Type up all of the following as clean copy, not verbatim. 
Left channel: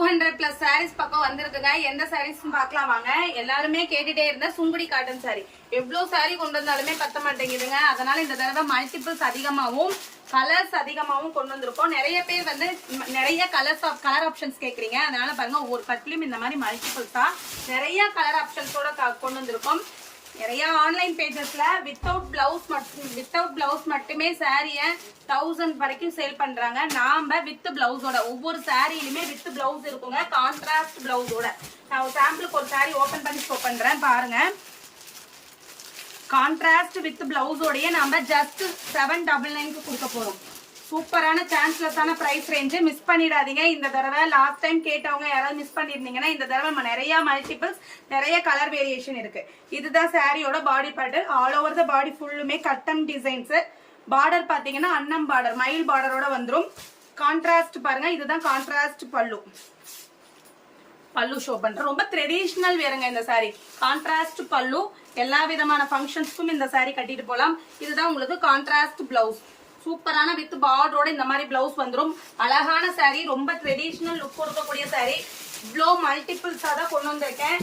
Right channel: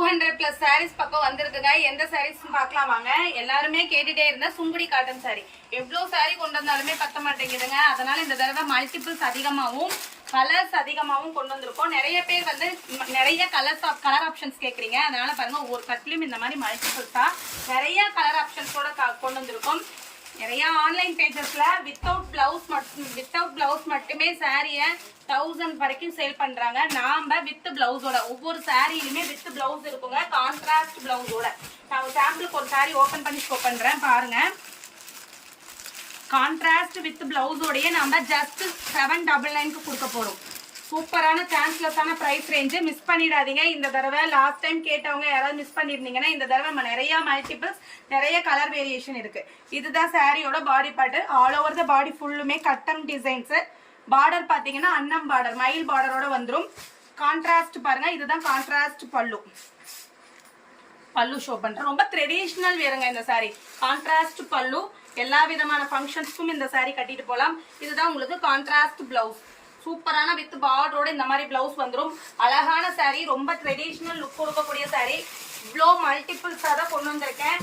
200+ sarees பக்கம் வந்திருக்குங்க. எந்த sarees பார்க்கலாம் வாங்க. எல்லாருமே கேட்டுட்டே இருந்த சுங்குடி காட்டன் saree. எவ்வளவு saree கொண்டு வந்தாலுமே பத்த மாட்டேங்குதுங்க. அதனால இந்த தடவை மல்டிபிள்ஸ் அதிகமாகவும் கலர்ஸ் அதிகமாகவும் கொண்டு வந்திருக்கோம். நிறைய பேர் வந்து நிறைய கலர் ஆப்ஷன்ஸ் கேக்குறீங்க. அதனால பாருங்க ஒவ்வொரு கட்லயும் இந்த மாதிரி மல்டிபிள்ஸா நிறைய கலர் ஆப்ஷன்ஸோட கொண்டு வந்திருக்கோம். நிறைய ஆன்லைன் பேஜஸ்ல வித்தவுட் பிளவுஸ் மட்டுமே சாரிய 1000 வரைக்கும் சேல் பண்றாங்க. நாம வித் பிளவுஸோட ஒவ்வொரு சாரியிலுமே வித் பிளவுஸ் இருக்குங்க. கான்ட்ராஸ்ட் பிளவுஸோட நான் சாம்பிளுக்கு ஒரு சாரி ஓபன் பண்ணி ஷோ பண்றேன் பாருங்க. கான்ட்ராஸ்ட் வித் பிளவுஸோடய நம்ம ஜஸ்ட் 799 கொடுக்க போறோம். சூப்பரான சான்ஸ்லெஸ்ஸான பிரைஸ் ரேஞ்சு. மிஸ் பண்ணிடாதீங்க. இந்த தடவை லாஸ்ட் டைம் கேட்டவங்க யாராவது மிஸ் பண்ணிருந்தீங்கன்னா இந்த தடவை நம்ம நிறைய மல்டிபிள்ஸ் நிறைய கலர் வேரியேஷன் இருக்கு. இதுதான் சாரியோட பாடி பேட்டர்ன். ஆல் ஓவர் த பாடி ஃபுல்லுமே கட்டன் டிசைன்ஸ். பார்டர் பாத்தீங்கன்னா அன்னம் பார்டர் மயில் பார்டரோட வந்துரும். கான்ட்ராஸ்ட் பாருங்க. இதுதான் கான்ட்ராஸ்ட் பல்லு ஷோ பண்றேன். ரொம்ப ட்ரெடிஷனல் வேறுங்க இந்த சாரி. கான்ட்ராஸ்ட் பல்லு. எல்லா விதமான ஃபங்க்ஷன்ஸ்க்கும் இந்த சாரி கட்டிட்டு போலாம். இதுதான் உங்களுக்கு கான்ட்ராஸ்ட் பிளவுஸ். சூப்பரான வித் பார்டரோட இந்த மாதிரி பிளவுஸ் வந்துடும். அழகான சாரி. ரொம்ப ட்ரெடிஷனல் லுக் கொடுக்கக்கூடிய சாரி. இவ்வளோ மல்டிபிள்ஸா தான் கொண்டு வந்திருக்கேன்.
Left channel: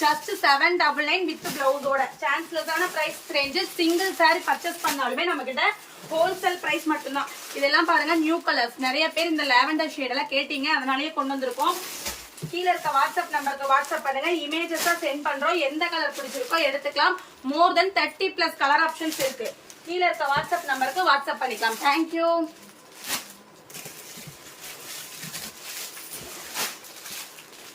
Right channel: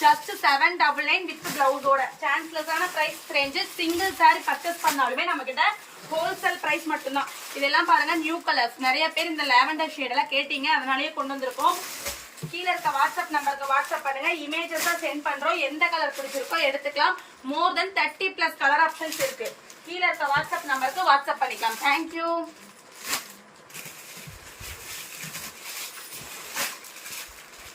ஜஸ்ட் 799 வித் பிளவுஸோட. சான்ஸ்லெஸ்ஸான price range. Single sari purchase பண்ணாலுமே நம்ம கிட்ட ஹோல்சேல் பிரைஸ் மட்டும்தான். இதெல்லாம் பாருங்க நியூ கலர்ஸ். நிறைய பேர் இந்த லாவெண்டர் ஷேட் எல்லாம் கேட்டீங்க. அதனாலேயே கொண்டு வந்திருக்கோம். கீழே இருக்க வாட்ஸ்அப் நம்பருக்கு வாட்ஸ்அப் பண்ணுங்க. இமேஜஸ் சென்ட் பண்றோம். எந்த கலர் பிடிச்சிருக்கோ எடுத்துக்கலாம். மோர் தென் 30+ கலர் ஆப்ஷன்ஸ் இருக்கு. கீழே இருக்க வாட்ஸ்அப் நம்பருக்கு வாட்ஸ்அப் பண்ணிக்கலாம். தேங்க்யூ.